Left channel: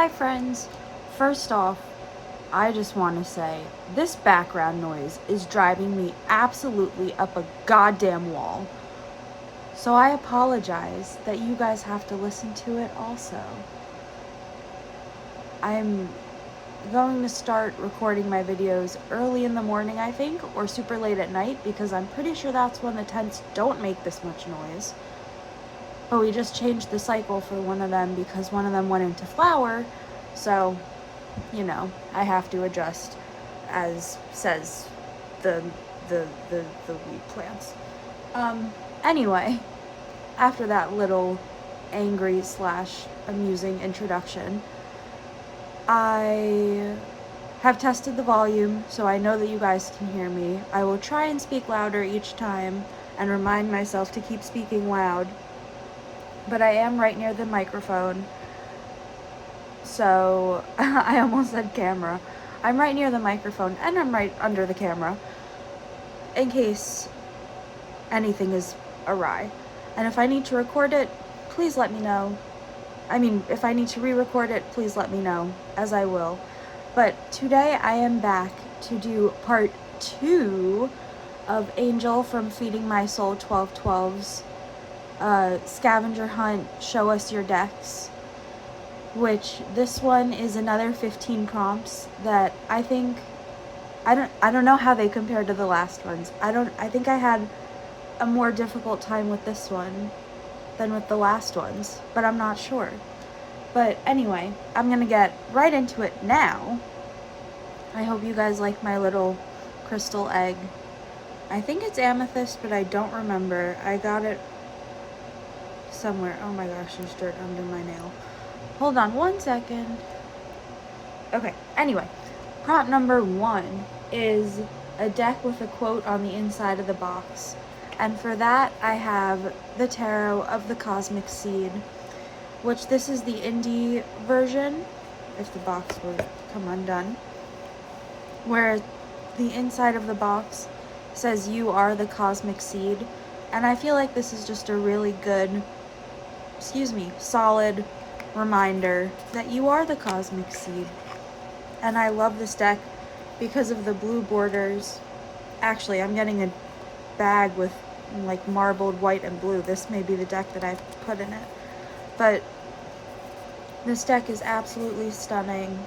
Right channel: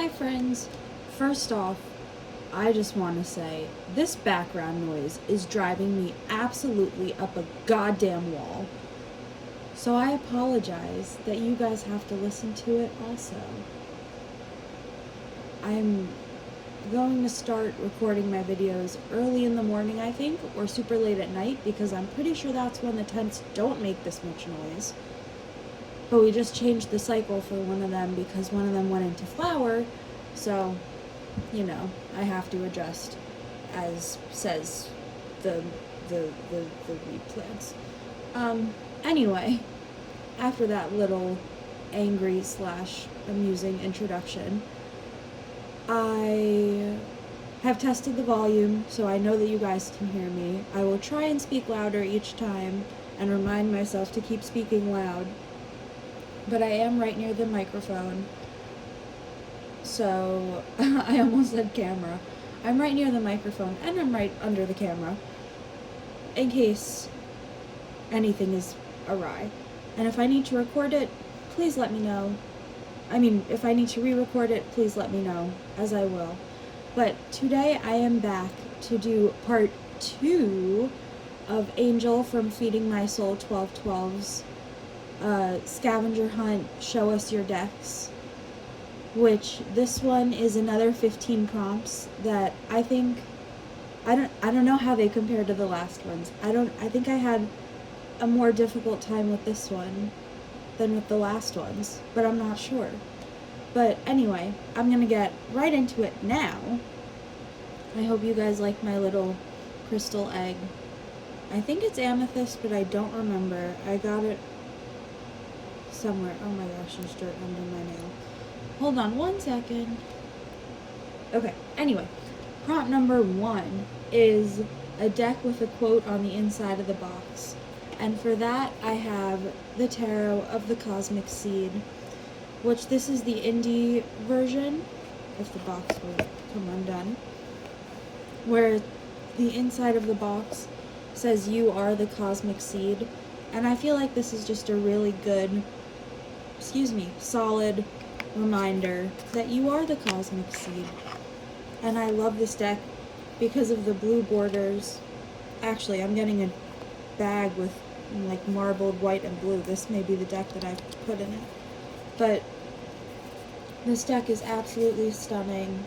Hi friends, first off, I just want to say this background noise is driving me absolutely up a goddamn wall. So I apologize that you guys have to listen to it also. I'm going to start recording my videos early in the morning, I think, or super late at night, because I'm pretty sure that's when the tents don't make this much noise. But we just changed the cycle for one of them because one of them went into flower, so, you know, I have to adjust as says the weed plants. Anyway, after that little angry / amusing introduction, I have tested the volume, so I know that you guys can hear me. I will try and speak louder each time and remind myself to keep speaking loud. But I am right near the microphone, so I almost said camera. I'm right near the microphone, and I'm right under the camera, in case anything is awry. And if I need to record it, please let me know. I mean, if I need to re-record it, please let me know, as I will. But today I am back to do part 2 of Angel from Feeding My Soul 1212's scavenger hunt, show us your decks, which this one is another 15 prompts that I think I don't know how they compare to the last ones. I think I had a more difficult time with this one than with the last ones, but I'm not sure. But anyway, I'm gonna get right into it now. I hope you guys like my little crystal egg. I think it's amethyst, but I don't remember. I got it somewhere. Oh my gosh, there's dirt under my nail. Hold on 1 second. Okay, anyway, prompt number 1 is a deck with a quote on the inside of the box. And for that, I have the Tarot of the Cosmic Seed, which this is the indie version, if the box will come undone, where the inside of the box says you are the cosmic seed. And I feel like this is just a really good, solid reminder that you are the cosmic seed. And I love this deck because of the blue borders. Actually, I'm getting a bag with like marbled white and blue. This may be the deck that I put in it. But this deck is absolutely stunning.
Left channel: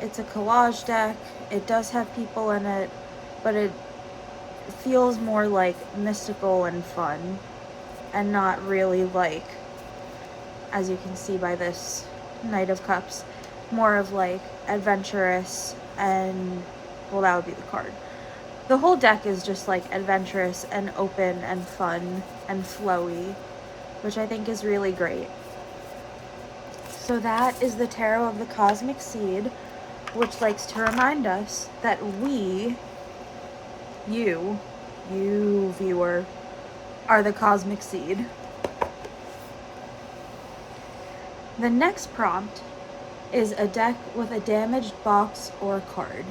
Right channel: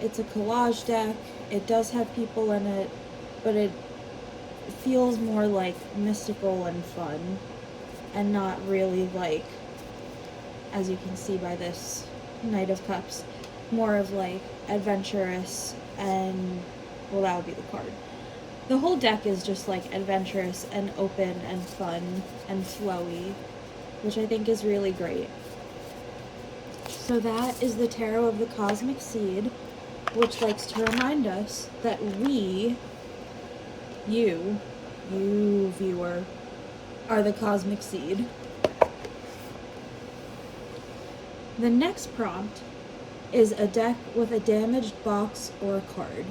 It's a collage deck. It does have people in it, but it feels more like mystical and fun, and not really like, as you can see by this Knight of Cups, more of like adventurous and, well, that would be the card. The whole deck is just like adventurous and open and fun and flowy, which I think is really great. So that is the Tarot of the Cosmic Seed, which likes to remind us that you viewer, are the cosmic seed. The next prompt is a deck with a damaged box or card.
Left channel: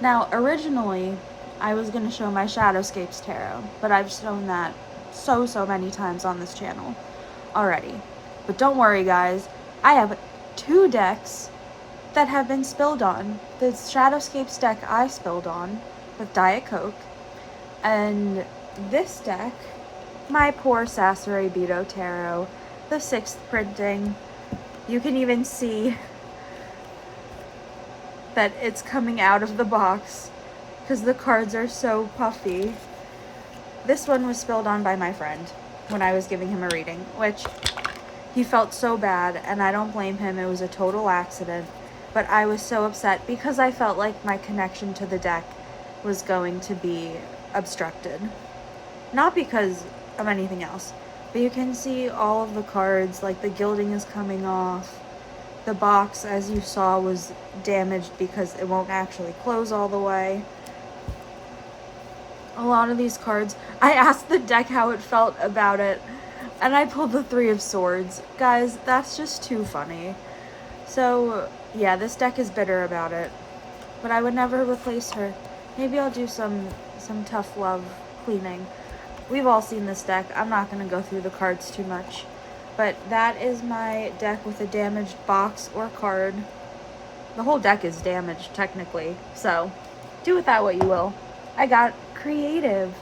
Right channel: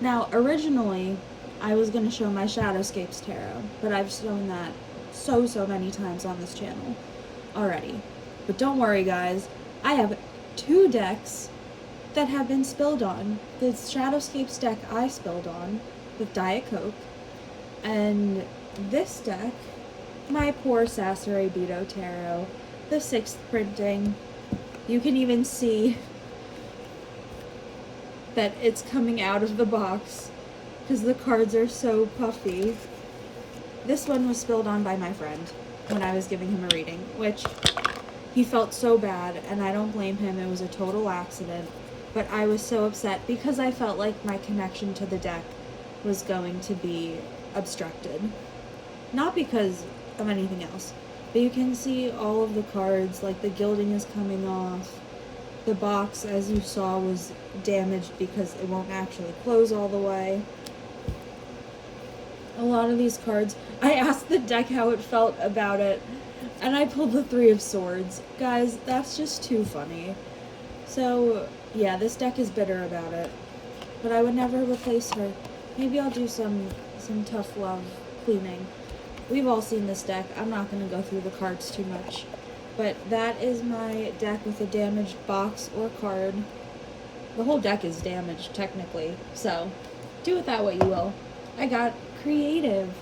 Now, originally, I was going to show my Shadowscapes Tarot, but I've shown that so many times on this channel already. But don't worry, guys. I have 2 decks that have been spilled on. The Shadowscapes deck I spilled on with Diet Coke, and this deck, my poor Sasori Beto Tarot, the 6th printing. You can even see that it's coming out of the box because the cards are so puffy. This one was spilled on by my friend when I was giving him a reading, which he felt so bad, and I don't blame him. It was a total accident, but I was so upset because I felt like my connection to the deck was going to be obstructed. Not because of anything else, but you can see all of the cards, like the gilding is coming off. The box, as you saw, was damaged because it won't actually close all the way. A lot of these cards, I asked the deck how it felt about it, and I pulled the 3 of Swords. Guys, that's just too funny. So, yeah, this deck is bitter about it, but I would never replace her. Maybe I'll do some tough love cleaning. We've all seen this deck. I'm not going to go through the cards too much. But that is my deck with a damaged box or card. The whole deck is damaged, technically. So, do with that what you will. I got creative.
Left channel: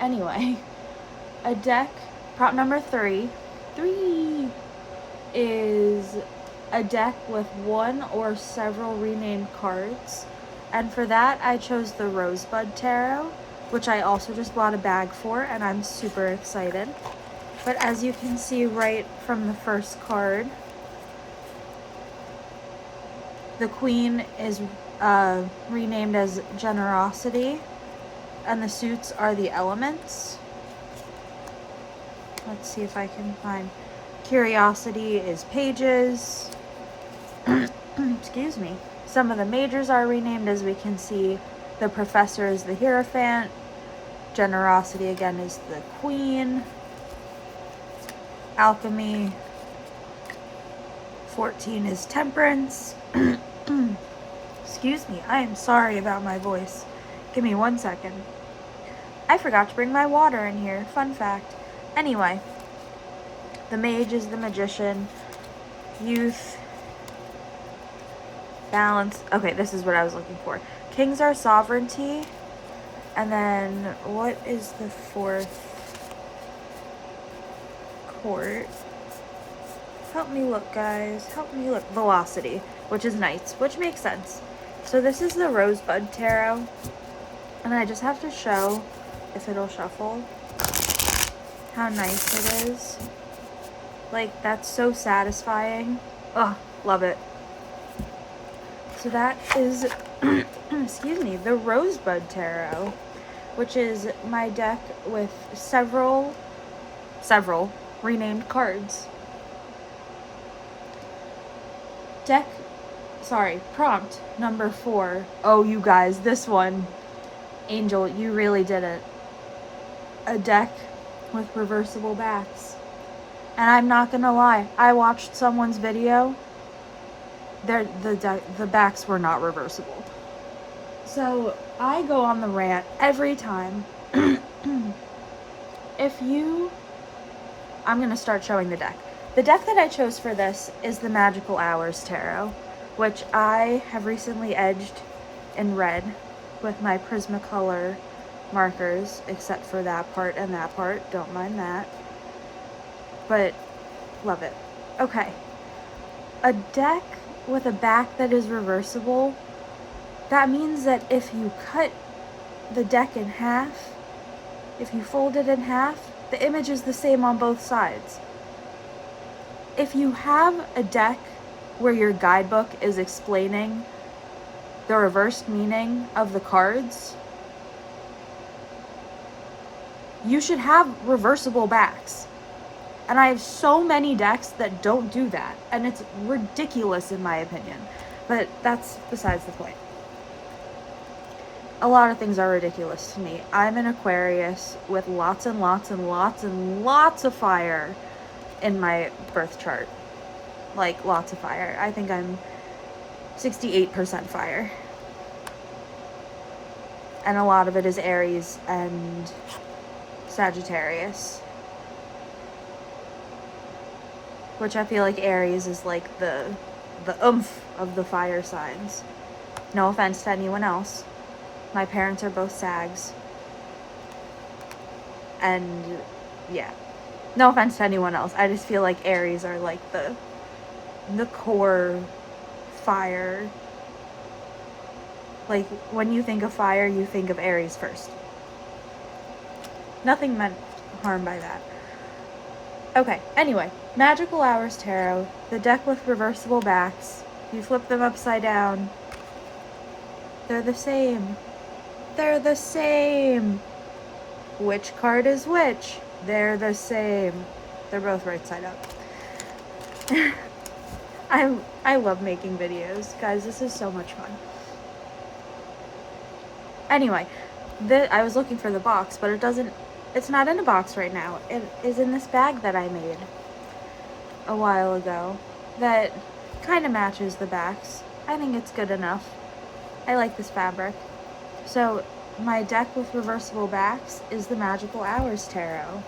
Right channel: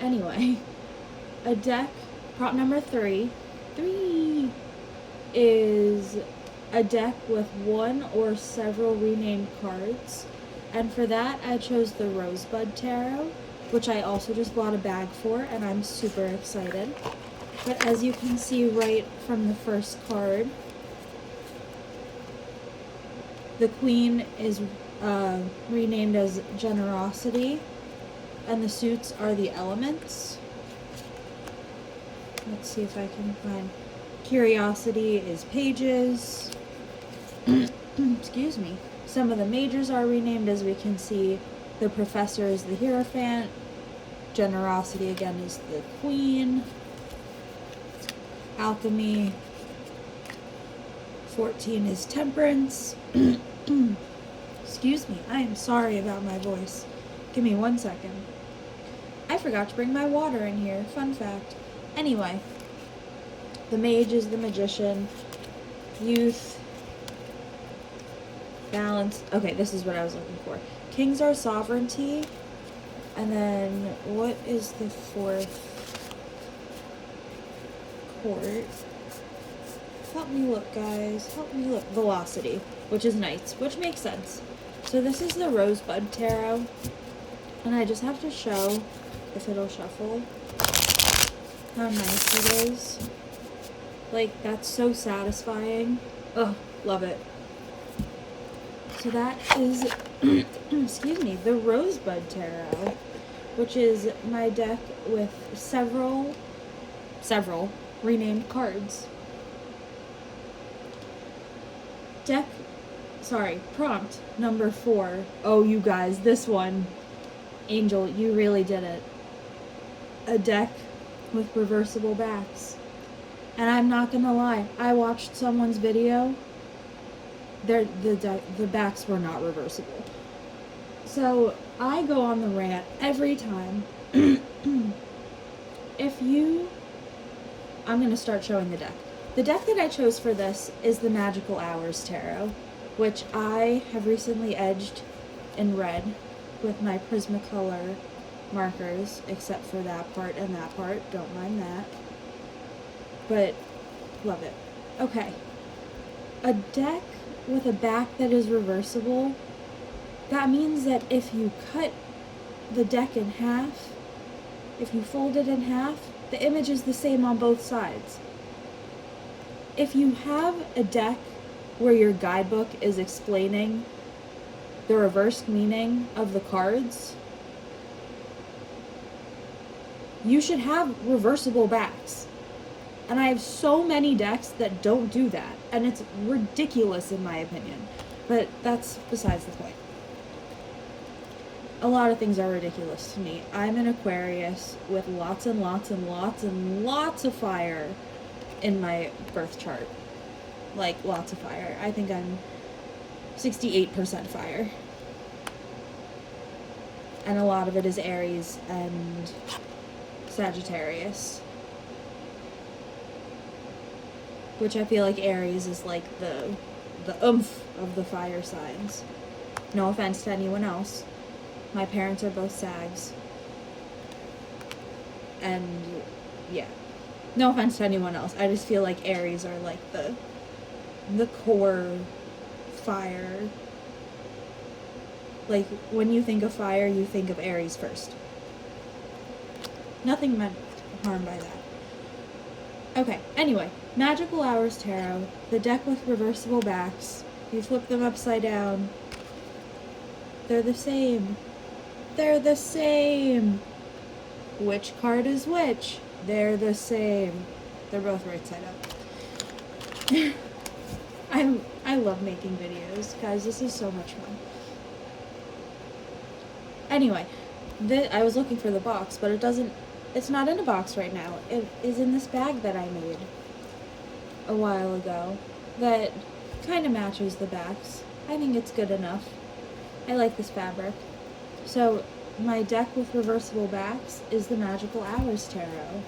Anyway, a deck, prop number 3. 3 is a deck with one or several renamed cards. And for that, I chose the Rosebud Tarot, which I also just bought a bag for, and I'm super excited. But as you can see right from the first card, the Queen is renamed as Generosity, and the suits are the elements. Let's see if I can find. Curiosity is Pages. Excuse me. Some of the majors are renamed, as we can see. The Professor is the Hierophant. Generosity again is the Queen. Alchemy. 14 is Temperance. Excuse me, I am sorry about my voice. Give me 1 second. I forgot to bring my water in here. Fun fact. Anyway, the Mage is the Magician. Youth. Balance. Okay, this is what I was looking for. Kings are Sovereignty. And then, what is the 4th? Court. Help me look, guys. Help me look. Velocity, which is Knights, which makes sense. So this is the Rosebud Tarot. And I just have to show, if it'll shuffle, how nice it is. Like, that's so satisfying. Oh, love it. So that is, excuse me, the Rosebud Tarot, which is my deck with several renamed cards. Prompt number 4. Oh, you guys, this one, Angel, you really did it. A deck with reversible backs. And I'm not gonna lie, I watched someone's video. The backs were not reversible. So I go on the rant every time. I'm gonna start showing the deck. The deck that I chose for this is the Magical Hours Tarot, which I have recently edged in red with my Prismacolor markers, except for that part and that part. Don't mind that. But love it. Okay. A deck with a back that is reversible, that means that if you cut the deck in half, if you fold it in half, the image is the same on both sides. If you have a deck where your guidebook is explaining the reversed meaning of the cards, you should have reversible backs. And I have so many decks that don't do that, and it's ridiculous in my opinion. But that's besides the point. A lot of things are ridiculous to me. I'm an Aquarius with lots and lots and lots and lots of fire in my birth chart. Like, lots of fire. I think I'm 68% fire. And a lot of it is Aries and Sagittarius. Which I feel like Aries is like the oomph of the fire signs. No offense to anyone else. My parents are both Sags. And yeah. No offense to anyone else. I just feel like Aries are like the core fire. Like, when you think of fire, you think of Aries first. Nothing meant harm by that. Okay, anyway. Magical Hours Tarot. The deck with reversible backs. If you flip them upside down, they're the same. They're the same. Which card is which? They're the same. They're both right side up. I love making videos. Guys, this is so much fun. Anyway, I was looking for the box, but it's not in a box right now. It is in this bag that I made a while ago that kind of matches the backs. I think it's good enough. I like this fabric. So my deck with reversible backs is the Magical Hours Tarot.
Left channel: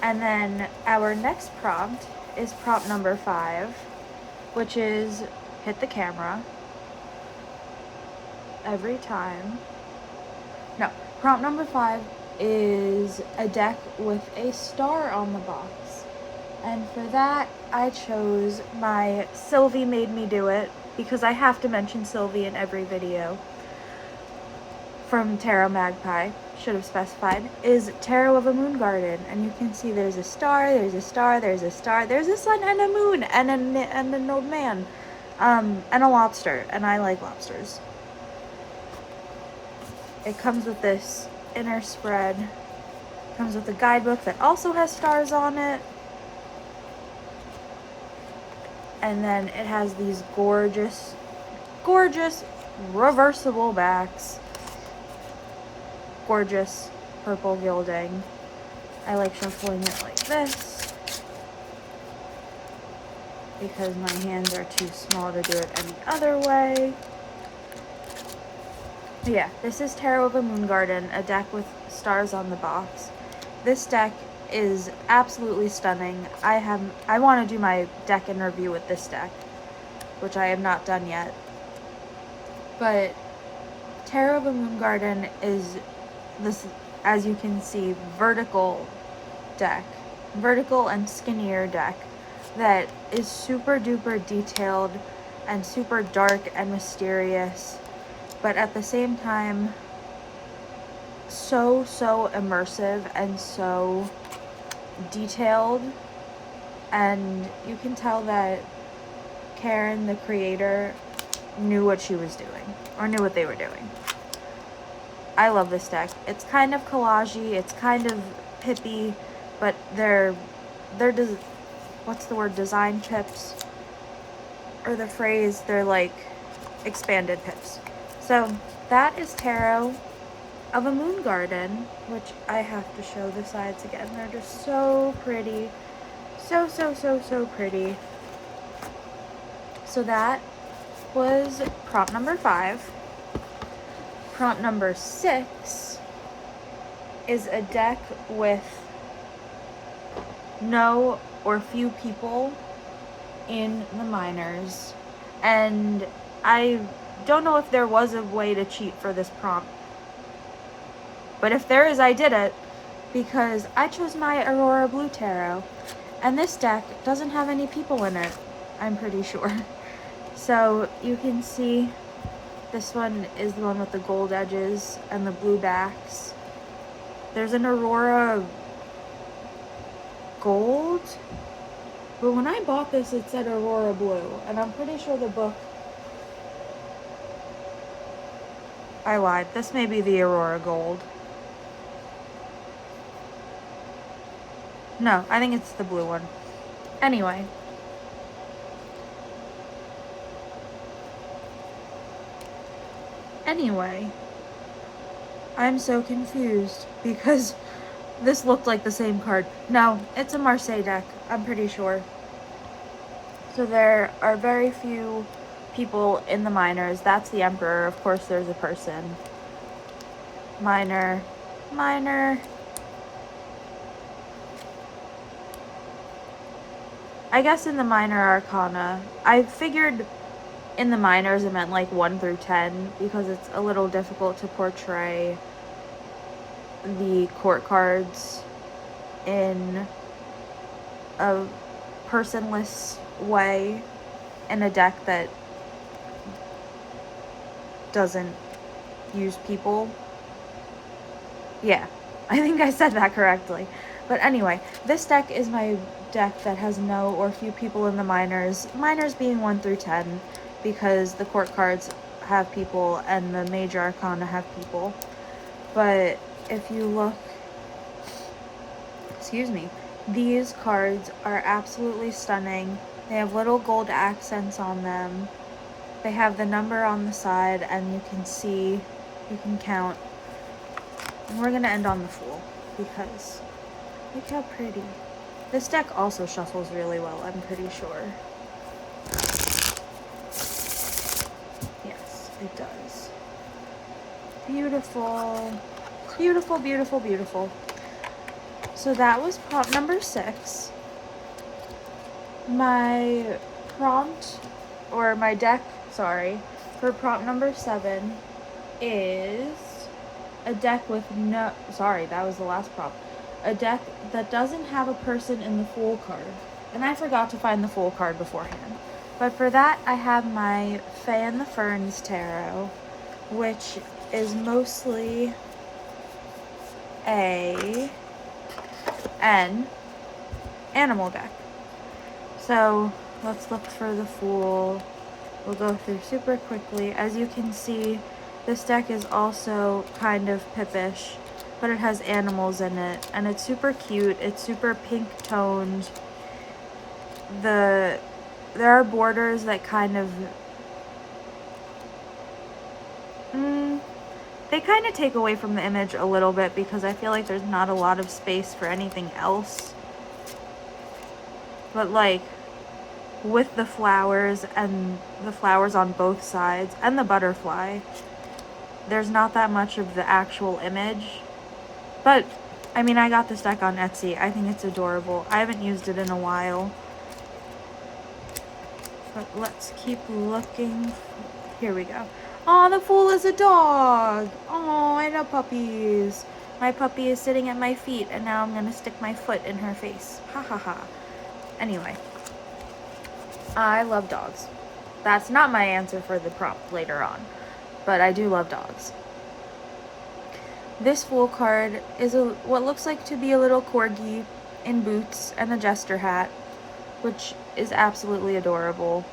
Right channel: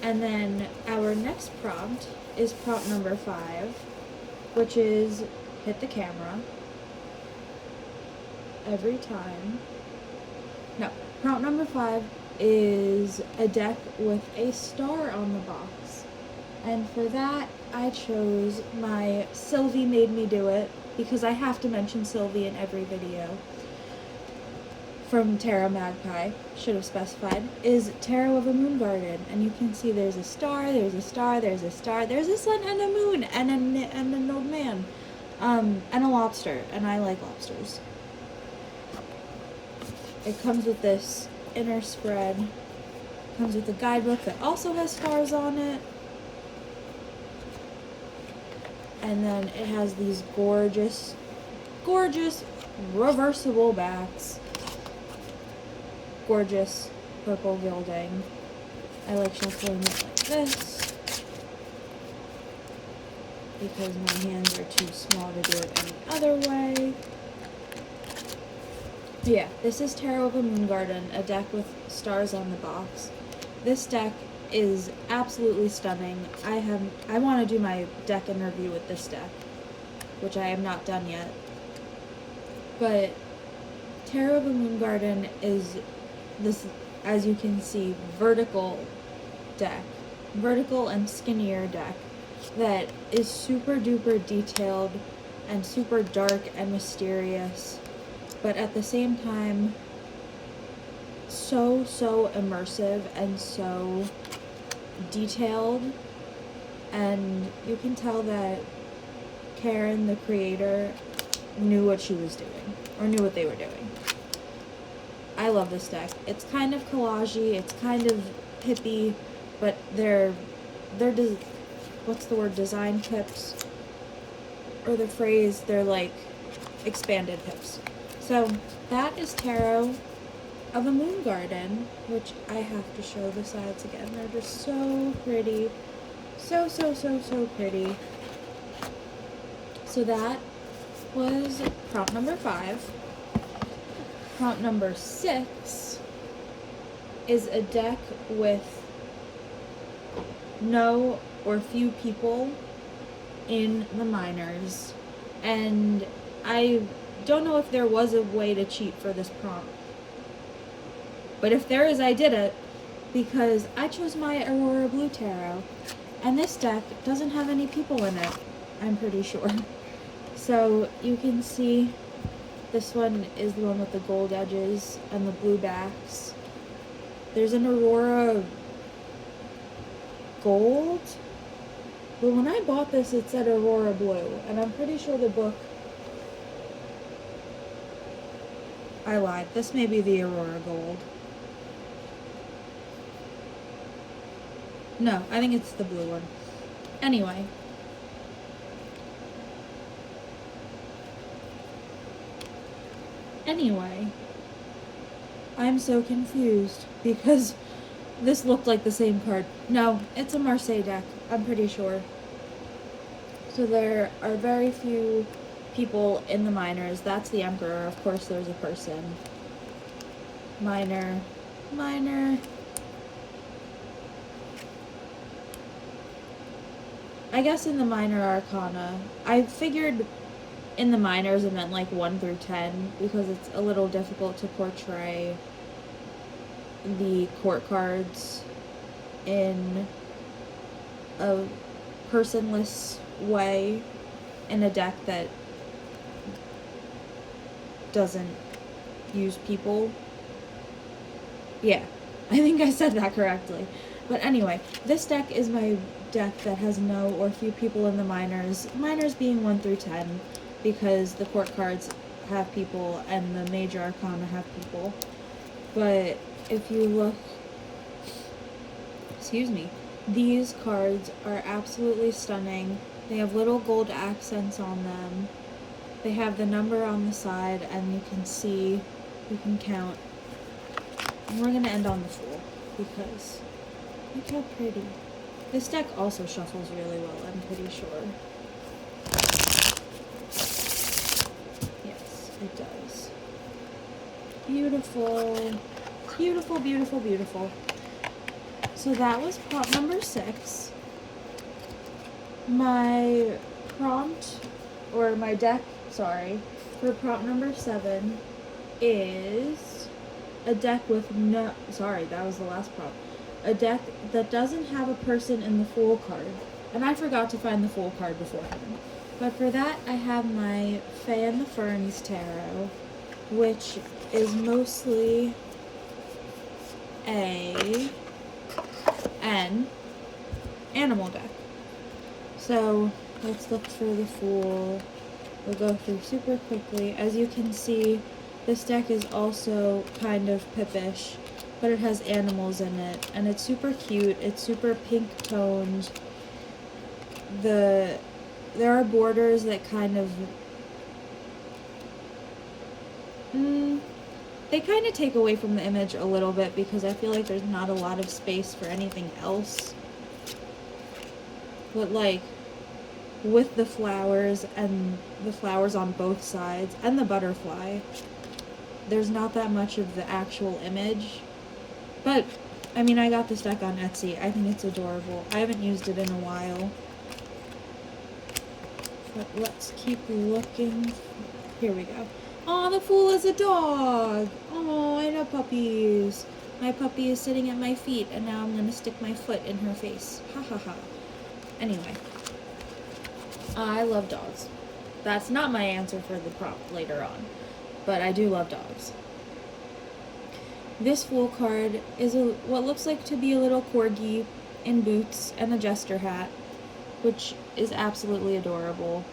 And then our next prompt is prompt number 5, which is hit the camera every time. No, prompt number 5 is a deck with a star on the box. And for that, I chose my Sylvie Made Me Do It, because I have to mention Sylvie in every video, from Tarot Magpie, should have specified, is Tarot of a Moon Garden. And you can see there's a star, there's a star, there's a star, there's a sun and a moon, and an old man, and a lobster, and I like lobsters. It comes with this inner spread, comes with a guidebook that also has stars on it, and then it has these gorgeous, gorgeous reversible backs. Gorgeous purple gilding. I like shuffling it like this because my hands are too small to do it any other way. But yeah, this is Tarot of a Moon Garden, a deck with stars on the box. This deck is absolutely stunning. I want to do my deck and review with this deck, which I have not done yet. But Tarot of a Moon Garden is this, as you can see, vertical deck, vertical and skinnier deck that is super duper detailed and super dark and mysterious, but at the same time so immersive and so detailed. And you can tell that Karen, the creator, knew what she was doing, or knew what they were doing. I love this deck. It's kind of collage-y, it's kind of hippie, but they're what's the word, design pips, or the phrase, they're like expanded pips. So that is Tarot of a Moon Garden, which I have to show the sides again. They're just so pretty. So pretty. So that was prompt number 5. Prompt number 6 is a deck with no or few people in the minors, and I don't know if there was a way to cheat for this prompt, but if there is, I did it, because I chose my Aurora Blue Tarot, and this deck doesn't have any people in it, I'm pretty sure. So you can see this one is the one with the gold edges and the blue backs. There's an Aurora Gold, but when I bought this it said Aurora Blue, and I'm pretty sure the book, I lied, this may be the Aurora Gold. No, I think it's the blue one. Anyway. I'm so confused because this looked like the same card. No, it's a Marseille deck, I'm pretty sure. So there are very few people in the minors. That's the Emperor. Of course there's a person. Minor. I guess in the minor arcana, I figured in the minors it meant like 1 through 10, because it's a little difficult to portray the court cards in a personless way in a deck that doesn't use people. Yeah, I think I said that correctly. But anyway, this deck is my deck that has no or few people in the minors. Minors being 1 through 10, because the court cards have people and the major arcana have people. But if you look, excuse me, these cards are absolutely stunning. They have little gold accents on them. They have the number on the side, and you can see, you can count. And we're gonna end on the Fool, because look how pretty. This deck also shuffles really well, I'm pretty sure. Yes, it does. Beautiful. Beautiful, beautiful, beautiful. So that was prompt number 6. My prompt, or my deck, sorry, for prompt number 7 is a deck with no, sorry, that was the last prompt. A deck that doesn't have a person in the Fool card. And I forgot to find the Fool card beforehand. But for that, I have my Fae and the Ferns tarot, which is mostly an animal deck. So let's look for the Fool. We'll go through super quickly. As you can see, this deck is also kind of pippish, but it has animals in it, and it's super cute. It's super pink toned. There are borders that kind of they kind of take away from the image a little bit, because I feel like there's not a lot of space for anything else. But like with the flowers, and the flowers on both sides, and the butterfly, there's not that much of the actual image. But I mean, I got this deck on Etsy. I think it's adorable. I haven't used it in a while. But let's keep looking. Here we go. Oh, the Fool is a dog. Oh, I know puppies. My puppy is sitting at my feet, and now I'm gonna stick my foot in her face. Ha ha ha. Anyway, I love dogs. That's not my answer for the prompt later on, but I do love dogs. This Fool card is what looks like to be a little corgi in boots and a jester hat, which is absolutely adorable.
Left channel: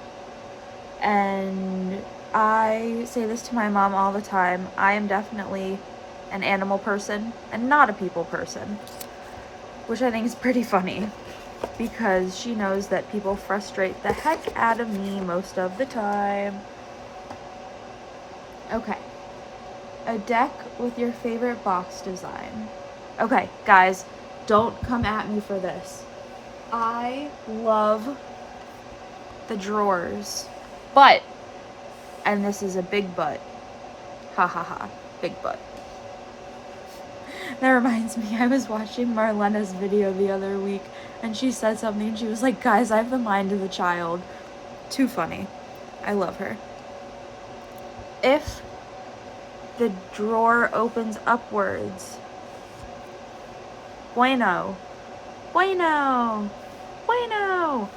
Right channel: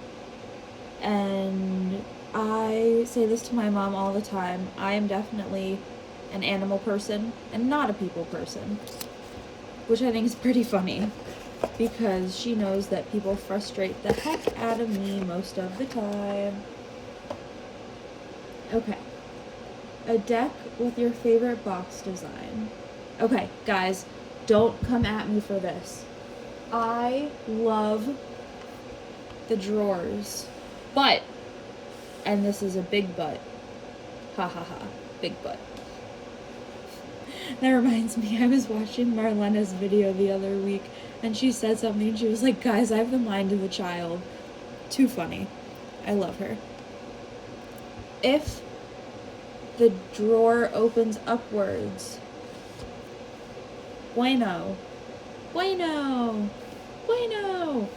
And I say this to my mom all the time. I am definitely an animal person and not a people person, which I think is pretty funny, because she knows that people frustrate the heck out of me most of the time. Okay. A deck with your favorite box design. Okay, guys, don't come at me for this. I love the drawers, but, and this is a big but, ha ha ha, big but. That reminds me, I was watching Marlena's video the other week, and she said something, and she was like, guys, I have the mind of a child. Too funny. I love her. If the drawer opens upwards, bueno, bueno, bueno.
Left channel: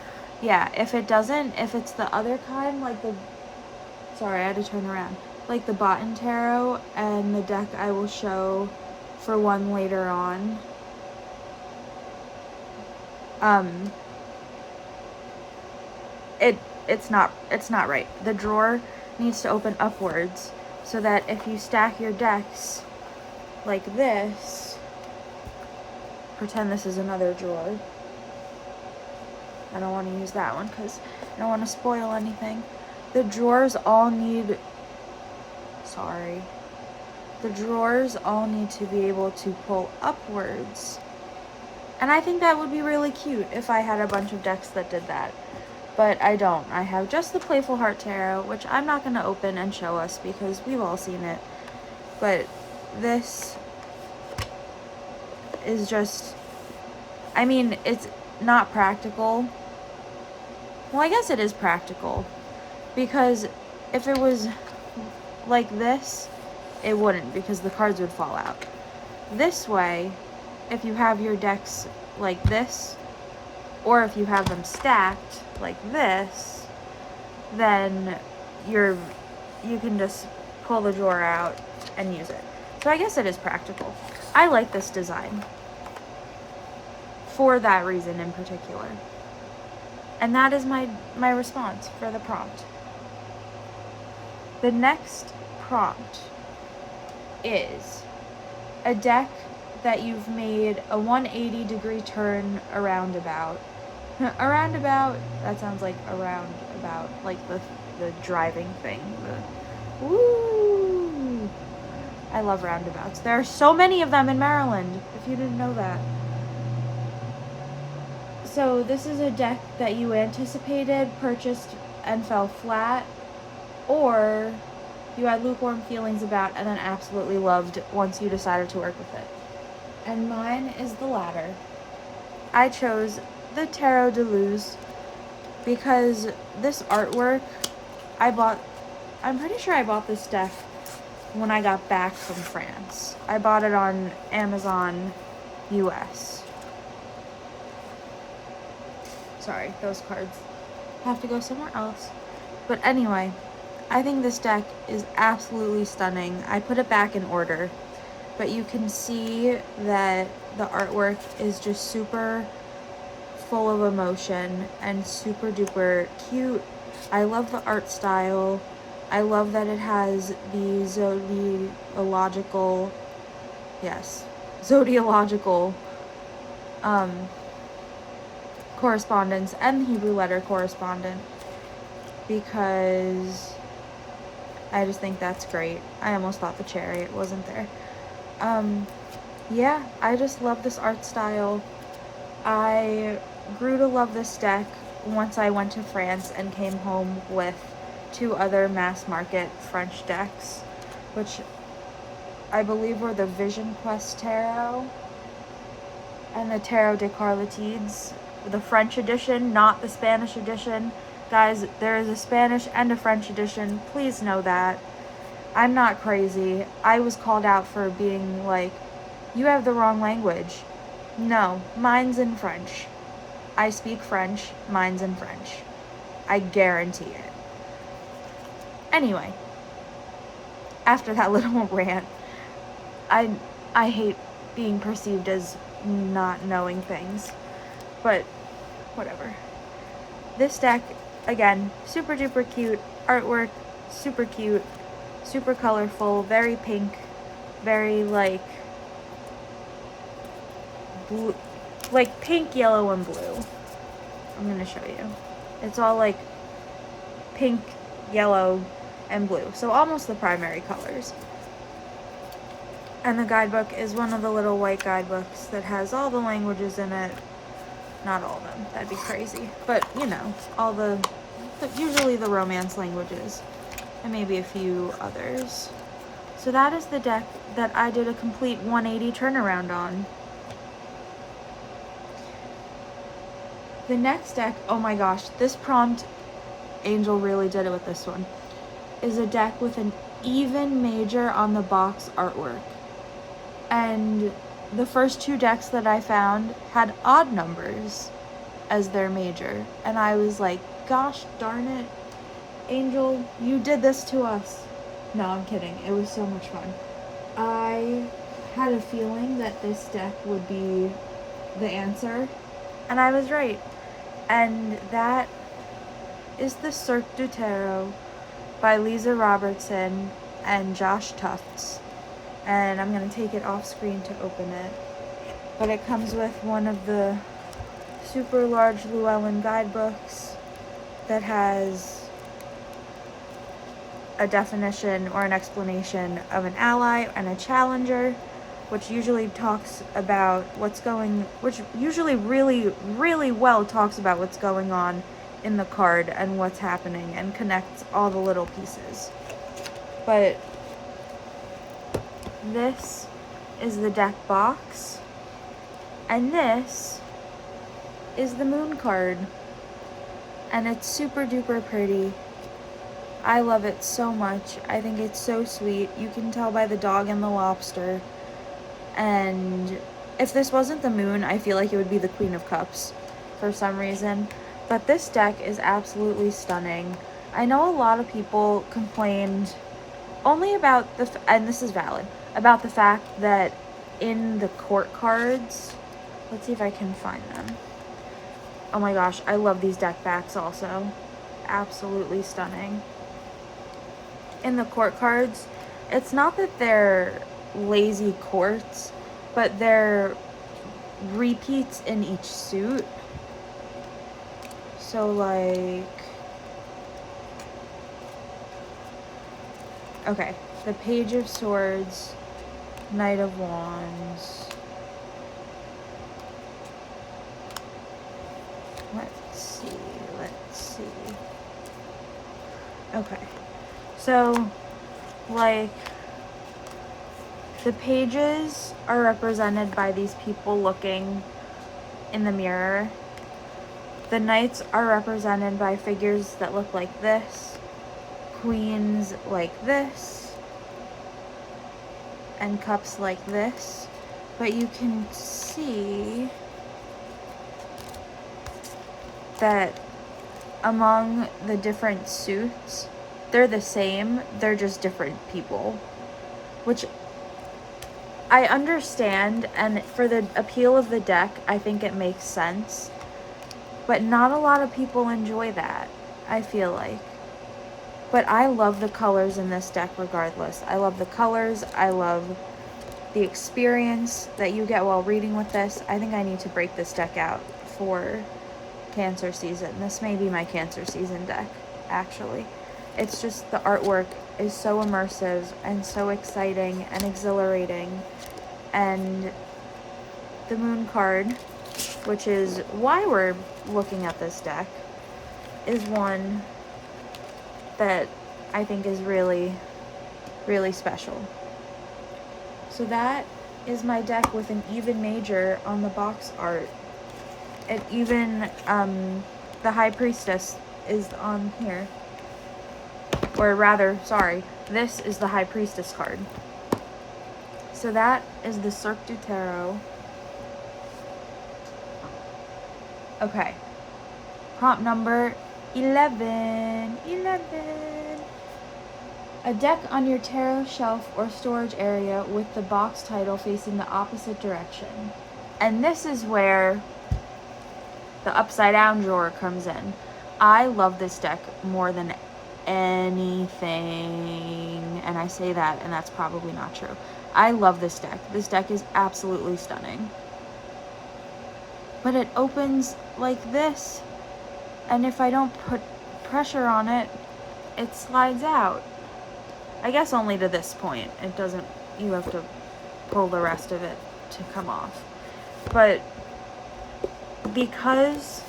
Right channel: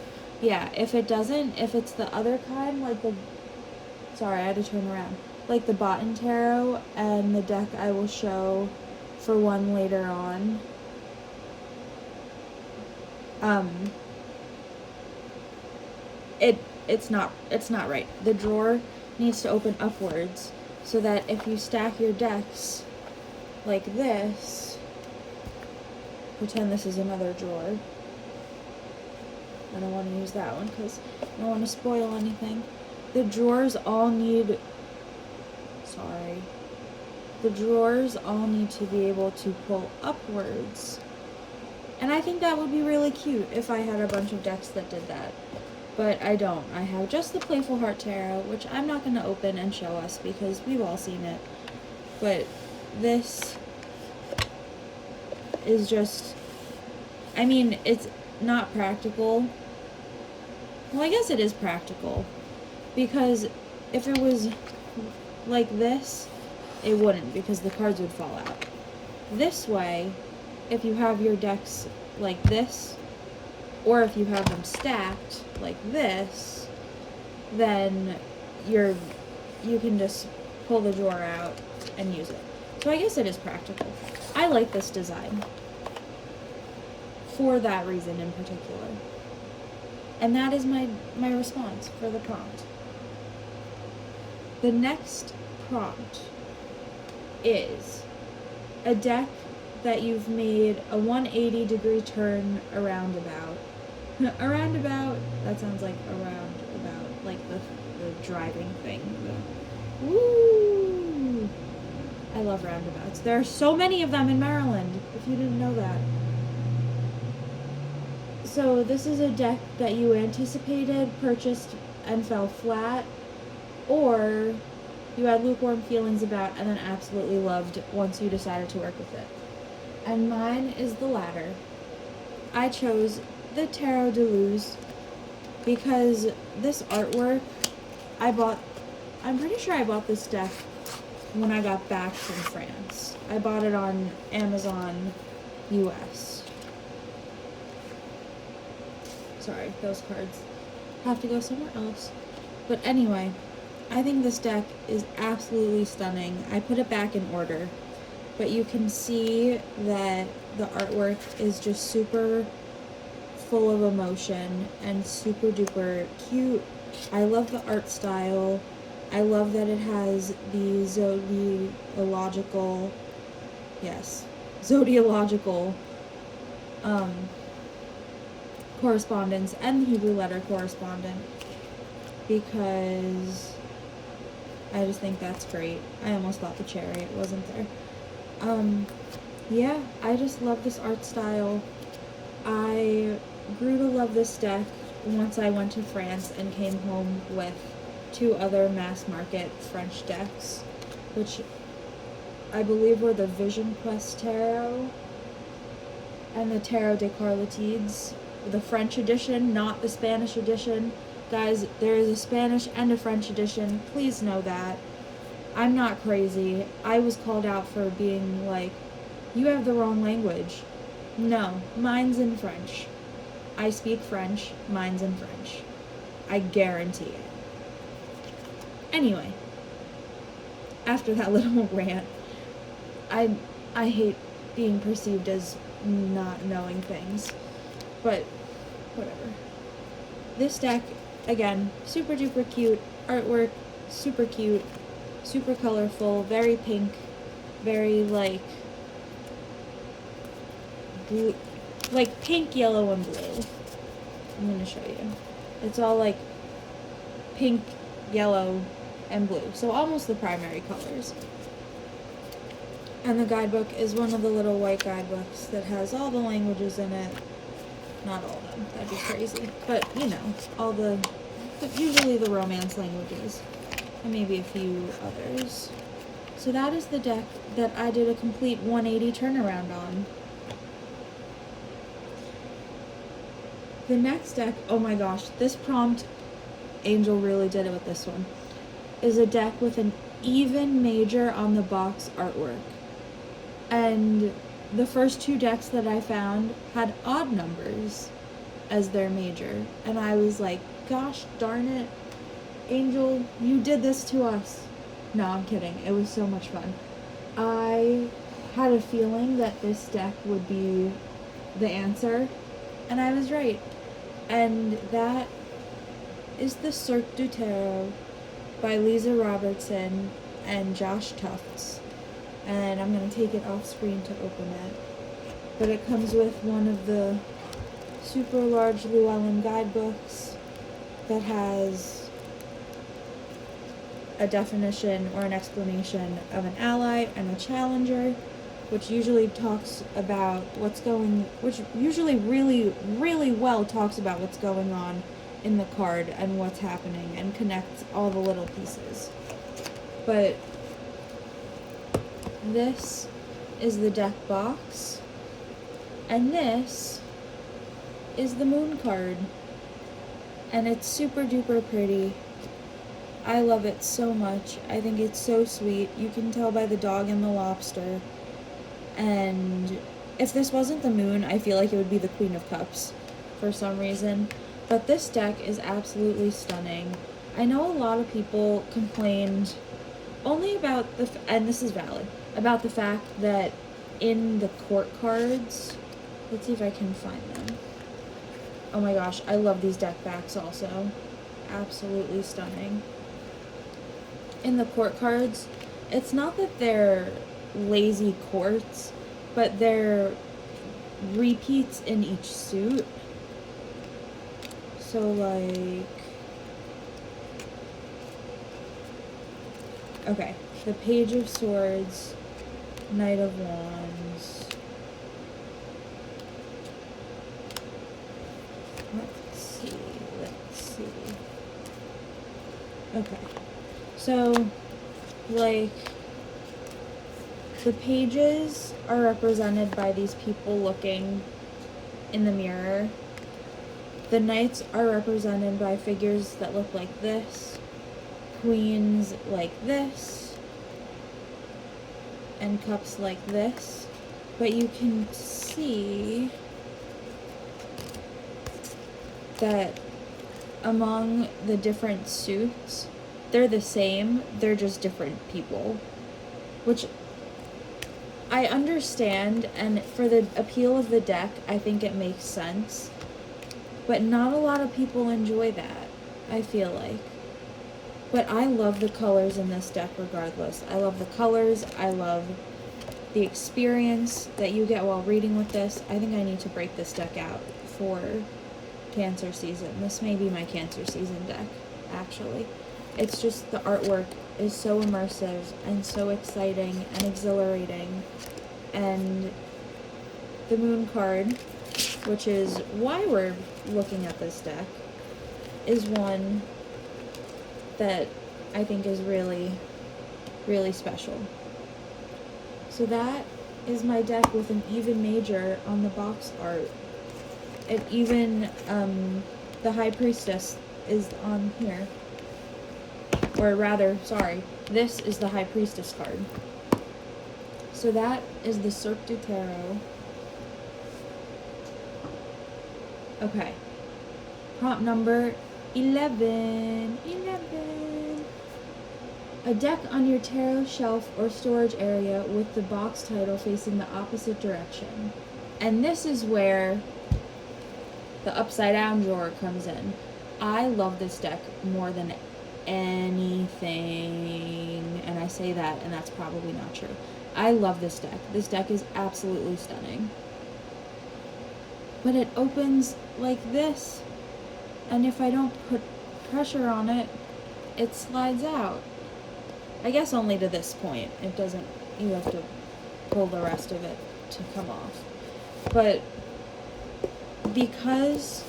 Yeah, if it doesn't, if it's the other kind, like the, sorry, I had to turn around, like the Botan Tarot and the deck I will show for one later on, it's not right. The drawer needs to open upwards, so that if you stack your decks like this, pretend this is another drawer. I don't want to use that one because I don't want to spoil anything. The drawers all need to be able to pull upwards. And I think that would be really cute if I had a bunch of decks that did that. But I don't. I have just the Playful Heart Tarot, which I'm not going to open and show us because we've all seen it. But this is just, I mean, it's not practical. Well, I guess it is practical, because if it was like this, it wouldn't, because the cards would fall out. This way, if you have your decks like this, or if you have them stacked like this, then you can just pull the drawer out and use it. So I guess it is practical. I like this design for that reason in particular. And that is my response for the prompt. The next prompt is a deck that you've made a 180-degree turn around about. Around about, that sounds like around about, like the driving thing. Woo! I love roundabouts. There are so many of them in Maryland, if you didn't know that. So this is a deck that you anticipated, purchased, and fell flat, or you had lukewarm feelings about and then absolutely loved once you decided to work with it. And mine is the latter. I chose the Tarot de Luz because this artwork, I'm pretty sure I bought this deck when I got back from France. I bought it on Amazon US. Sorry, those cards have to go somewhere else. But anyway, I think this deck is absolutely stunning. I put it back in order, but you can see that the artwork is just super full of emotion and super duper cute. I love the art style. I love that it has the zodiological correspondence and the Hebrew letter correspondent, because I just think that's great. I almost thought the chariot wasn't there. Yeah, I just love this art style. I grew to love this deck once I went to France and came home with 2 other mass market French decks, which I believe were the Vision Quest Tarot and the Tarot des Carlotides, the French edition, not the Spanish edition. Guys, there is a Spanish and a French edition. Please know that. I'm not crazy. I was called out for being like, you have the wrong language. No, mine's in French. I speak French, mine's in French. I guarantee it. Anyway, after that little rant, I hate being perceived as not knowing things, but whatever. This deck, again, super duper cute, artwork, super cute, super colorful, very pink, very like blue, like pink, yellow, and blue. I'm gonna show you. It's all like pink, yellow, and blue, so almost the primary colors. And the guidebook is one of the little white guidebooks that has all the languages in it. Not all of them, that'd be crazy, but you know, all usually the romance languages, and maybe a few others. So that is the deck that I did a complete 180 turnaround on. The next deck, oh my gosh, this prompt, Angel really did it with this one, is a deck with an even major on the box artwork. And the first 2 decks that I found had odd numbers as their major. And I was like, gosh darn it, Angel, you did this to us. No, I'm kidding. It was so much fun. I had a feeling that this deck would be the answer, and I was right. And that is the Cirque du Tarot by Lisa Robertson and Josh Tufts. And I'm going to take it off screen to open it. But it comes with one of the super large Llewellyn guidebooks that has a definition or an explanation of an ally and a challenger, which usually talks about which usually really, really well talks about what's going on in the card and what's happening and connects all the little pieces. But this is the deck box, and this is the moon card, and it's super duper pretty. I love it so much. I think it's so sweet. You can tell by the dog and the lobster. And if this wasn't the moon, I feel like it would be the Queen of Cups for some reason. But this deck is absolutely stunning. I know a lot of people complained only about and this is valid, about the fact that in the court cards, let's see if I can find them. Oh my gosh, I love these deck backs also. Absolutely stunning. In the court cards, it's not that they're lazy courts, but they're repeats in each suit. So like, okay, the Page of Swords, Knight of Wands. Let's see. Okay, so like The pages are represented by these people looking in the mirror. The knights are represented by figures that look like this, queens like this, and cups like this. But you can see that among the different suits, they're the same, they're just different people, which I understand, and for the appeal of the deck, I think it makes sense, but not a lot of people enjoy that, I feel like. But I love the colors in this deck regardless. I love the colors, I love the experience that you get while reading with this. I think I need to break this deck out for Cancer season. This may be my Cancer season deck, actually. It's just the artwork is so immersive and so exciting and exhilarating. And the moon card, which is why we're looking at this deck, is one that I think is really, really special. So that is my deck with an even major on the box art. It even, the High Priestess is on here. Or rather, sorry, this is the High Priestess card. So that is the Cirque du Tarot. Okay. Prompt number 11. 11. A deck on your tarot shelf or storage area with the box title facing the opposite direction. And this is where the upside down drawer comes in. I love this deck more than anything, and I say that, and that's probably not true. I love this deck. This deck is absolutely stunning. But it opens like this, and if I don't put pressure on it, it slides out. I guess only to this point. It doesn't, you have to pull the rest of it to come off. But because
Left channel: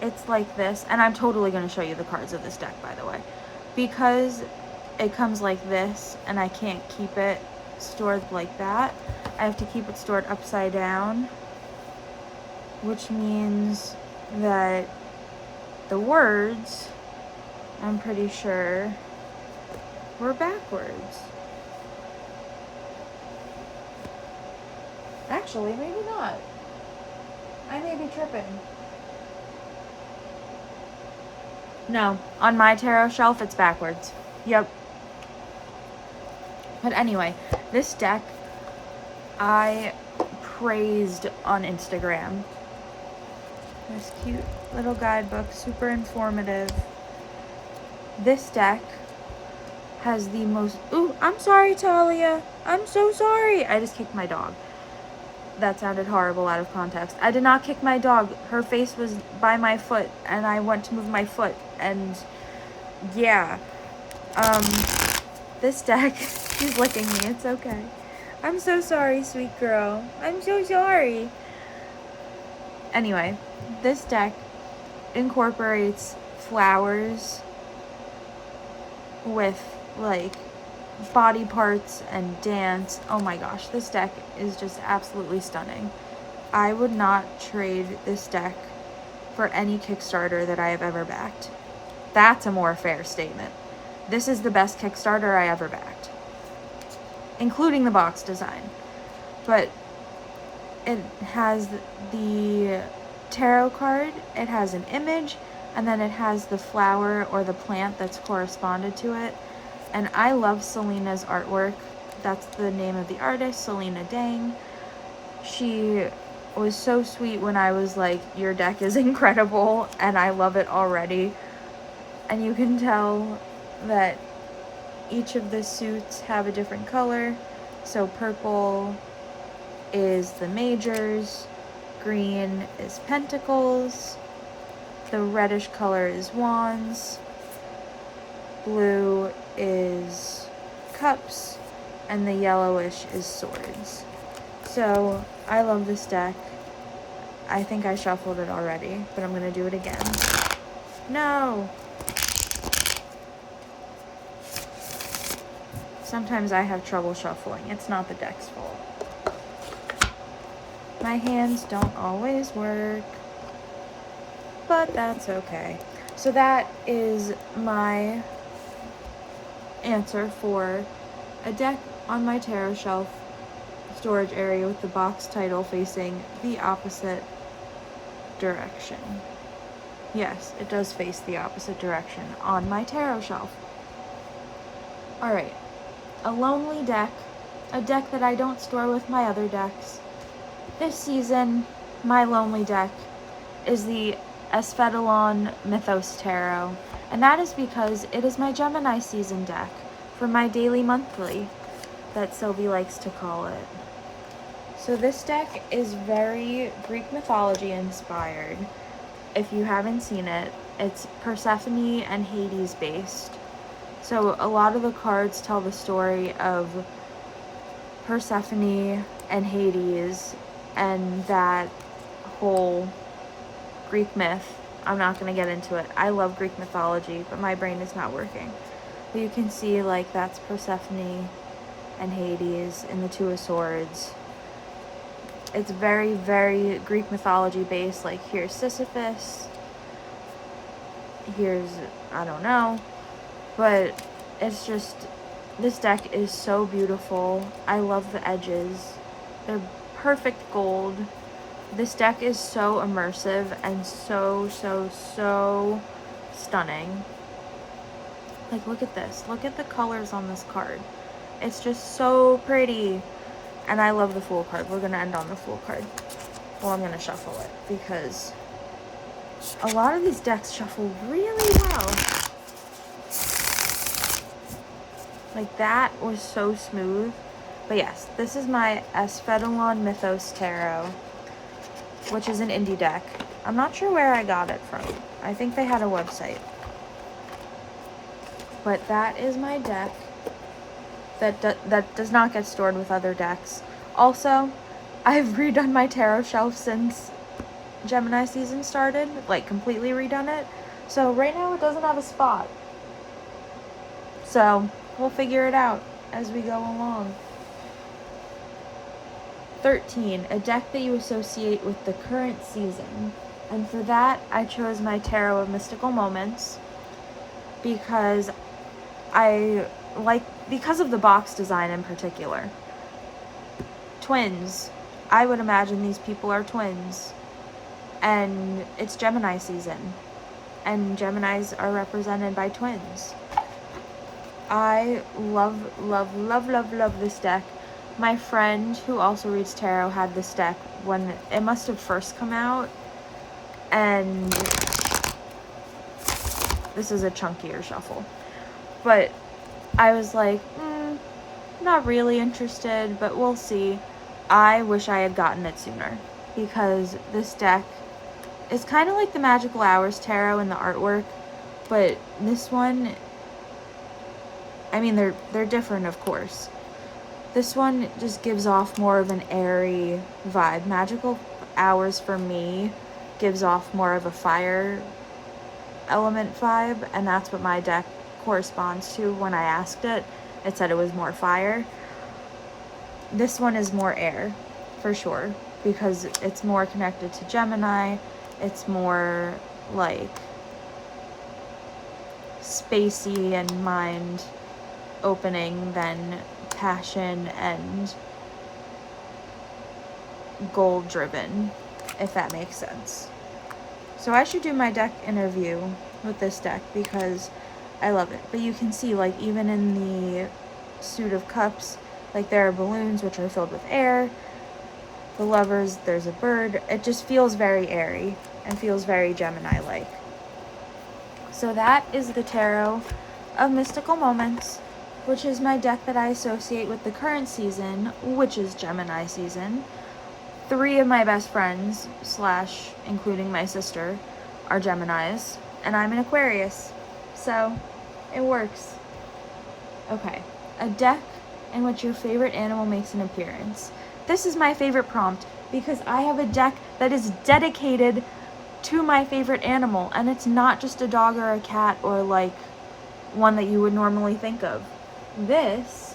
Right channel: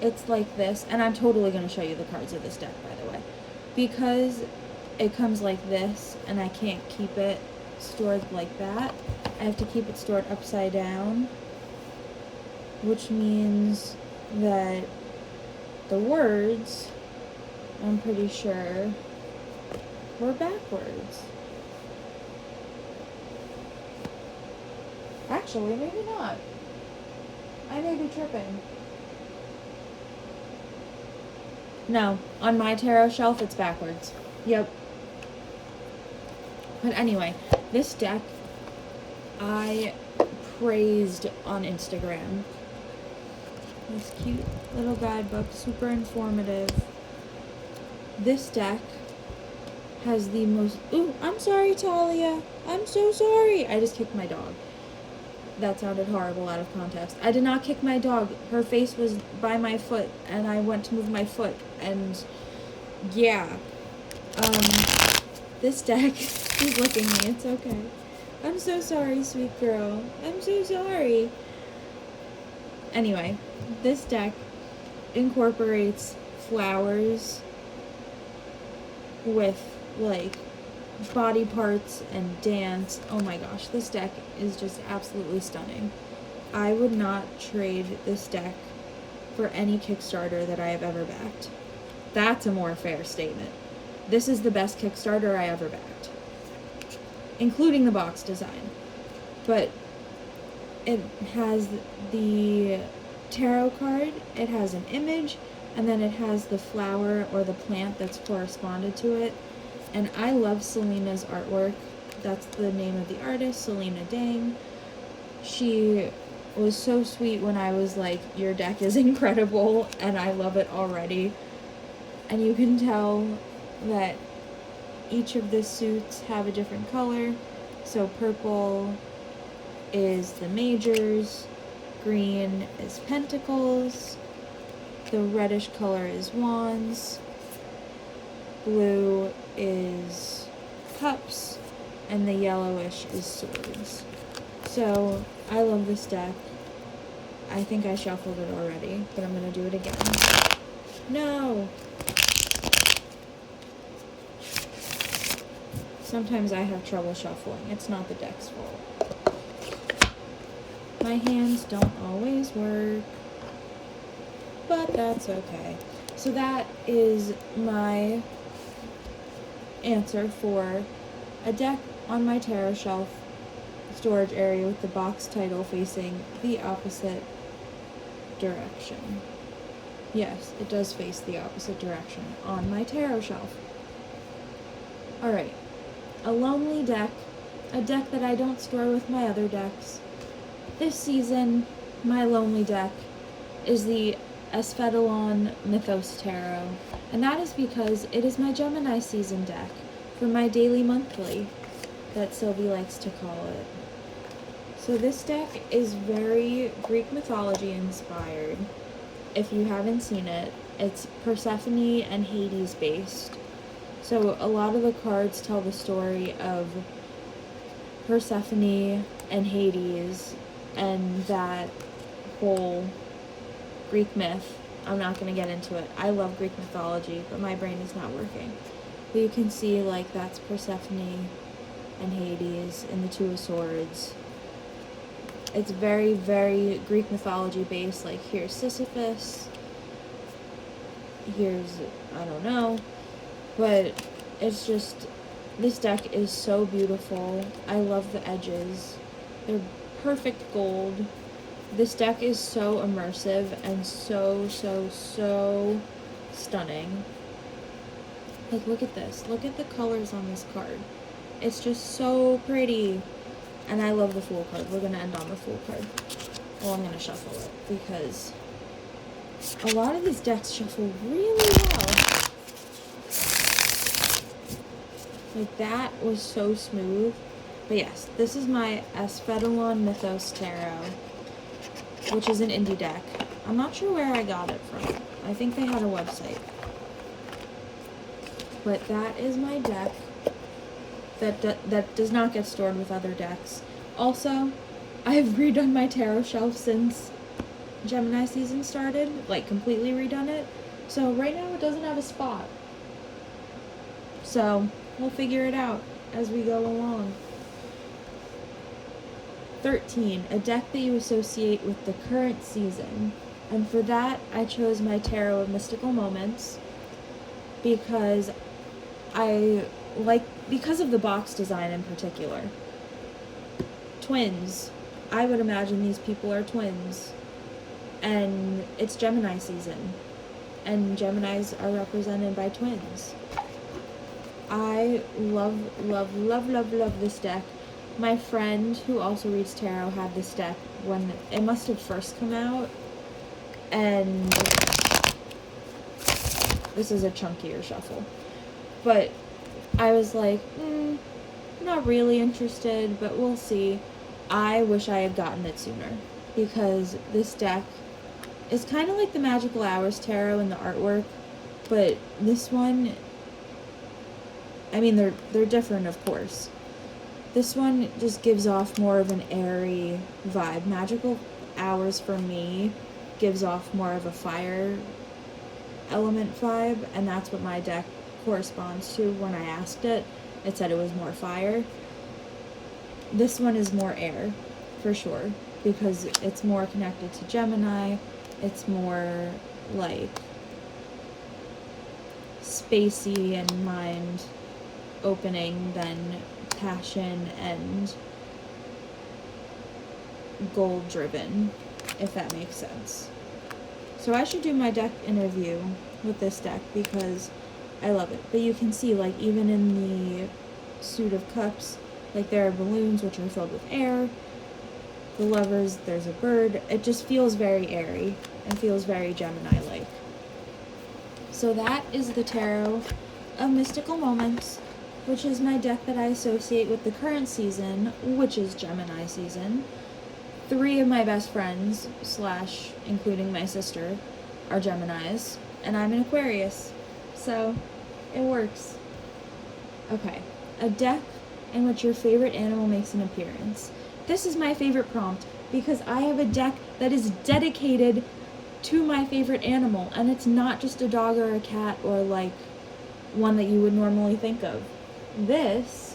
it's like this, and I'm totally going to show you the cards of this deck, by the way. Because it comes like this, and I can't keep it stored like that, I have to keep it stored upside down, which means that the words, I'm pretty sure, were backwards. Actually, maybe not. I may be tripping. No, on my tarot shelf, it's backwards. Yep. But anyway, this deck I praised on Instagram. This cute little guidebook, super informative. This deck has the most... Ooh, I'm sorry, Talia. I'm so sorry. I just kicked my dog. That sounded horrible out of context. I did not kick my dog. Her face was by my foot, and I went to move my foot, and yeah. This deck, she's licking me. It's okay. I'm so sorry, sweet girl. I'm so sorry. Anyway, this deck incorporates flowers with, like, body parts and dance. Oh my gosh, this deck is just absolutely stunning. I would not trade this deck for any Kickstarter that I have ever backed. That's a more fair statement. This is the best Kickstarter I ever backed, including the box design. But it has the tarot card, it has an image, and then it has the flower or the plant that's corresponded to it. And I love Selena's artwork. That's the name of the artist, Selena Dang. She was so sweet when I was like, your deck is incredible, and I love it already. And you can tell that each of the suits have a different color. So purple is the majors, green is pentacles, the reddish color is wands, blue is cups, and the yellowish is swords. So I love this deck. I think I shuffled it already, but I'm going to do it again. No! sometimes I have trouble shuffling. It's not the deck's fault. My hands don't always work, but that's okay. So that is my answer for a deck on my tarot shelf storage area with the box title facing the opposite direction. Yes, it does face the opposite direction on my tarot shelf. Alright, a lonely deck, a deck that I don't store with my other decks. This season, my lonely deck is the Feeding Mythos Tarot, and that is because it is my Gemini season deck for my daily monthly that Sylvie likes to call it. So this deck is very Greek mythology inspired. If you haven't seen it, it's Persephone and Hades based. So a lot of the cards tell the story of Persephone and Hades and that whole Greek myth. I'm not going to get into it. I love Greek mythology, but my brain is not working. But you can see, like, that's Persephone and Hades and the Two of Swords. It's very, very Greek mythology based. Like, here's Sisyphus. Here's, I don't know. But it's just, this deck is so beautiful. I love the edges. They're perfect gold. This deck is so immersive and so stunning. Like, look at this. Look at the colors on this card. It's just so pretty. And I love the Fool card. We're going to end on the Fool card. Well, I'm going to shuffle it because a lot of these decks shuffle really well. Like, that was so smooth. But yes, this is my Feeding Mythos Tarot, which is an indie deck. I'm not sure where I got it from. I think they had a website. But that is my deck that does not get stored with other decks. Also, I've redone my tarot shelf since Gemini season started, like completely redone it. So right now it doesn't have a spot. So we'll figure it out as we go along. 13, a deck that you associate with the current season. And for that, I chose my Tarot of Mystical Moments because because of the box design in particular. Twins. I would imagine these people are twins. And it's Gemini season. And Geminis are represented by twins. I love this deck. My friend, who also reads tarot, had this deck when it must have first come out. And this is a chunkier shuffle. But I was like, not really interested, but we'll see. I wish I had gotten it sooner, because this deck is kind of like the Magical Hours Tarot in the artwork, but this one, I mean, they're different, of course. This one just gives off more of an airy vibe. Magical Hours, for me, gives off more of a fire element vibe, and that's what my deck corresponds to. When I asked it, it said it was more fire. This one is more air, for sure, because it's more connected to Gemini. It's more, like, spacey and mind-opening than passion and goal-driven, if that makes sense. So I should do my deck interview with this deck because I love it. But you can see, like, even in the Suit of Cups, like, there are balloons which are filled with air. The Lovers, there's a bird. It just feels very airy and feels very Gemini-like. So that is the Tarot of Mystical Moments, which is my deck that I associate with the current season, which is Gemini season. 3 of my best friends, / including my sister, are Geminis, and I'm an Aquarius. So, it works. Okay, a deck in which your favorite animal makes an appearance. This is my favorite prompt because I have a deck that is dedicated to my favorite animal, and it's not just a dog or a cat or, like, one that you would normally think of. This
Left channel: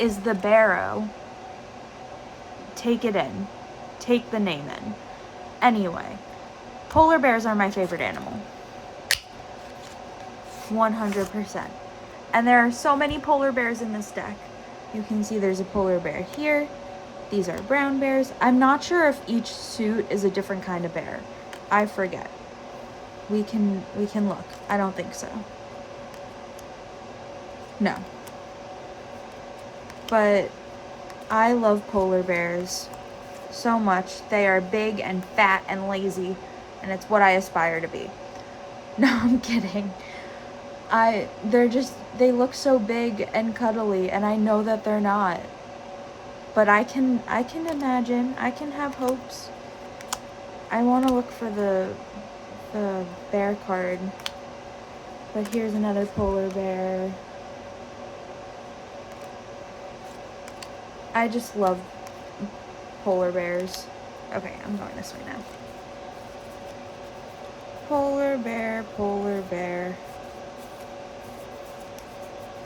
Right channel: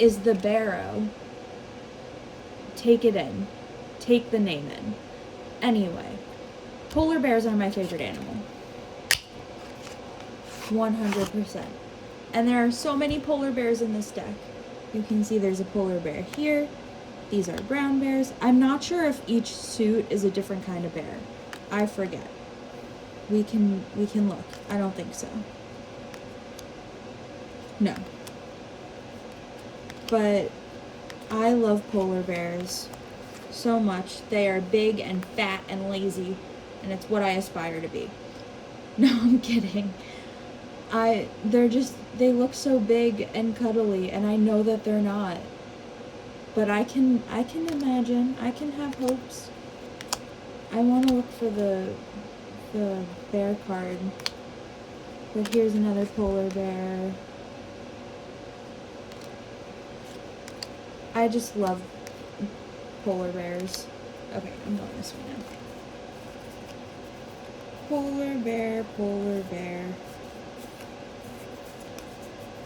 is the barrow. Take it in. Take the name in. Anyway, polar bears are my favorite animal. 100%. And there are so many polar bears in this deck. You can see there's a polar bear here. These are brown bears. I'm not sure if each suit is a different kind of bear. I forget. We can look. I don't think so. No. But I love polar bears so much. They are big and fat and lazy, and it's what I aspire to be. No, I'm kidding. They look so big and cuddly, and I know that they're not. But I can imagine, I can have hopes. I want to look for the bear card. But here's another polar bear. I just love polar bears. Okay, I'm going this way now. Polar bear, polar bear.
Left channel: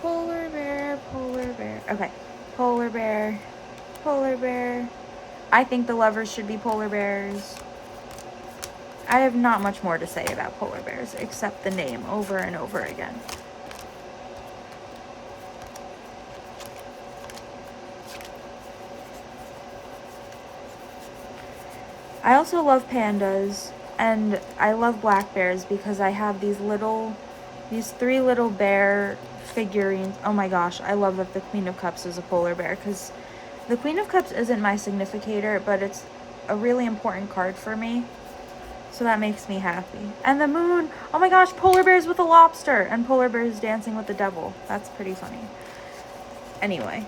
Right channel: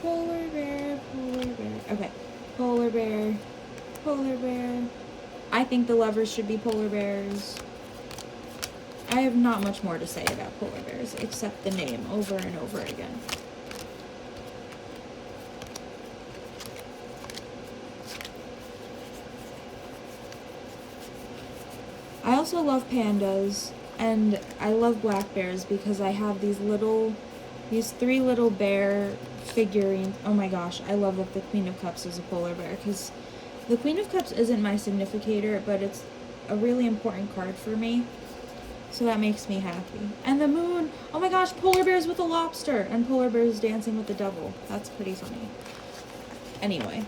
Polar bear, polar bear. Okay, polar bear, polar bear. I think the lovers should be polar bears. I have not much more to say about polar bears except the name over and over again. I also love pandas, and I love black bears because I have these 3 little bear figurines. Oh my gosh, I love that the Queen of Cups is a polar bear, because the Queen of Cups isn't my significator, but it's a really important card for me. So that makes me happy. And the moon, oh my gosh, polar bears with a lobster, and polar bears dancing with the devil. That's pretty funny. Anyway.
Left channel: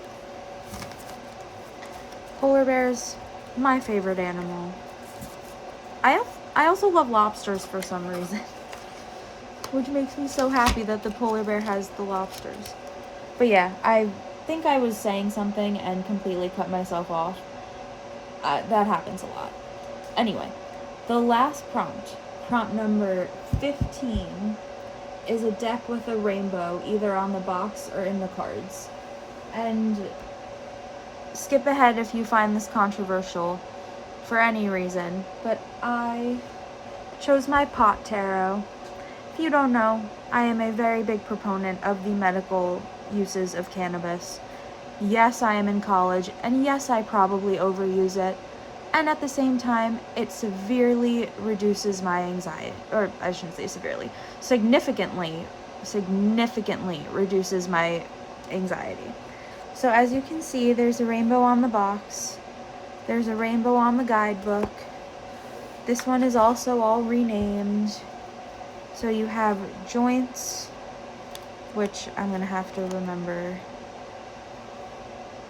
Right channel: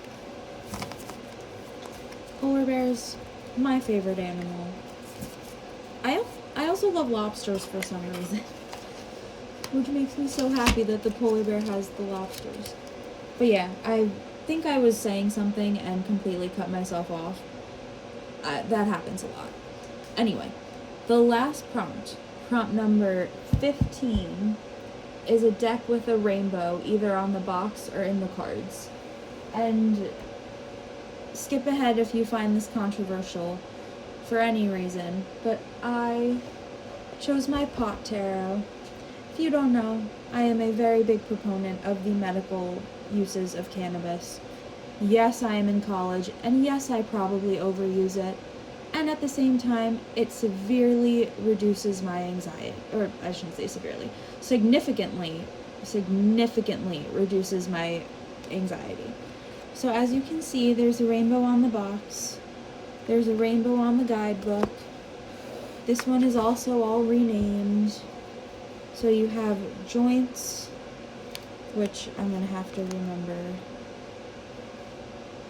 Polar bears, my favorite animal. I also love lobsters for some reason. Which makes me so happy that the polar bear has the lobsters. But yeah, I think I was saying something and completely cut myself off. That happens a lot. Anyway, the last prompt number 15, is a deck with a rainbow either on the box or in the cards. And skip ahead if you find this controversial for any reason, but I chose my pot tarot. If you don't know, I am a very big proponent of the medical uses of cannabis. Yes, I am in college, and yes, I probably overuse it, and at the same time, it severely reduces my anxiety, or I shouldn't say severely, significantly reduces my anxiety. So as you can see, there's a rainbow on the box, there's a rainbow on the guidebook. This one is also all renamed. So you have joints, which I'm going to have to remember.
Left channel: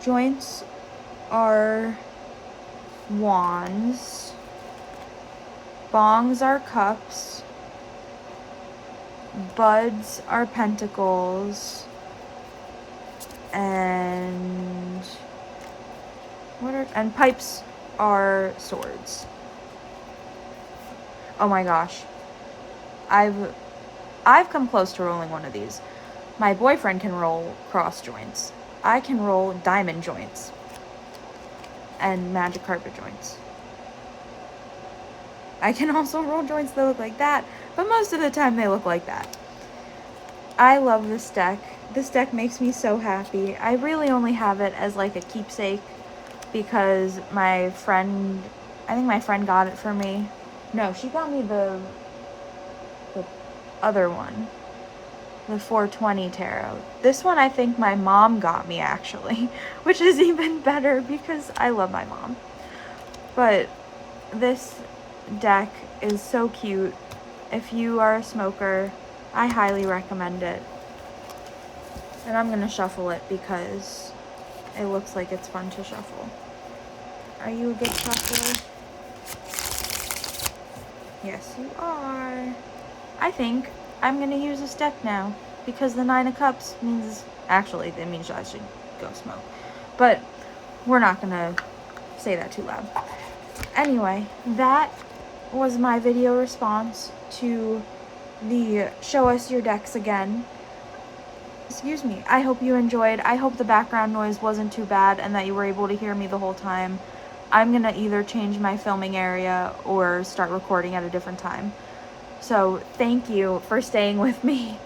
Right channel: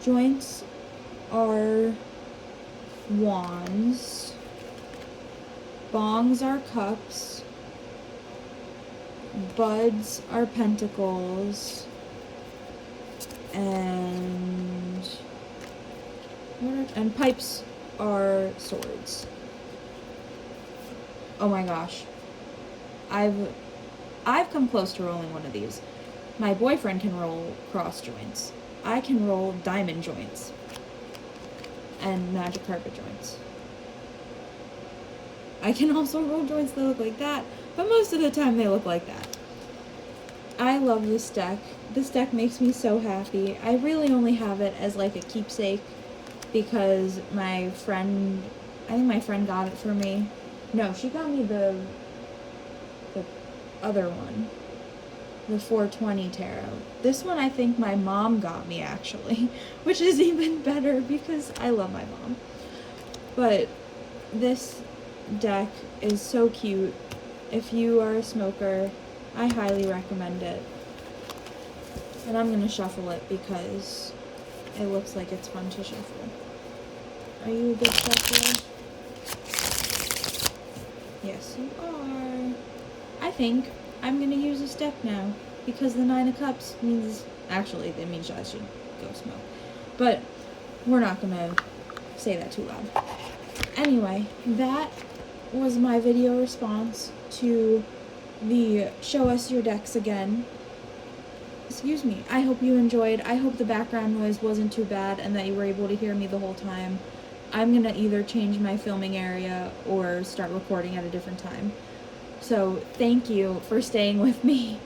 Joints are wands. Bongs are cups. Buds are pentacles. And pipes are swords. Oh my gosh. I've come close to rolling one of these. My boyfriend can roll cross joints. I can roll diamond joints. And magic carpet joints. I can also roll joints that look like that, but most of the time they look like that. I love this deck. This deck makes me so happy. I really only have it as like a keepsake because I think my friend got it for me. No, she got me the other one, the 420 tarot. This one I think my mom got me actually, which is even better because I love my mom. But this deck is so cute. If you are a smoker, I highly recommend it. And I'm gonna shuffle it because it looks like it's fun to shuffle. Are you a good shuffler? Yes, you are. I think I'm going to use this deck now because the 9 of Cups means, actually, it means I should go smoke. But we're not going to say that too loud. Anyway, that was my video response to the Show Us Your Decks Again excuse me, I hope you enjoyed. I hope the background noise wasn't too bad and that you were able to hear me the whole time. I'm gonna either change my filming area or start recording at a different time. So thank you for staying with me,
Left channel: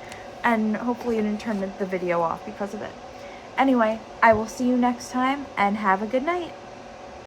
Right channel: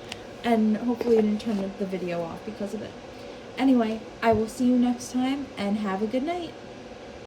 and hopefully you didn't turn the video off because of it. Anyway, I will see you next time, and have a good night.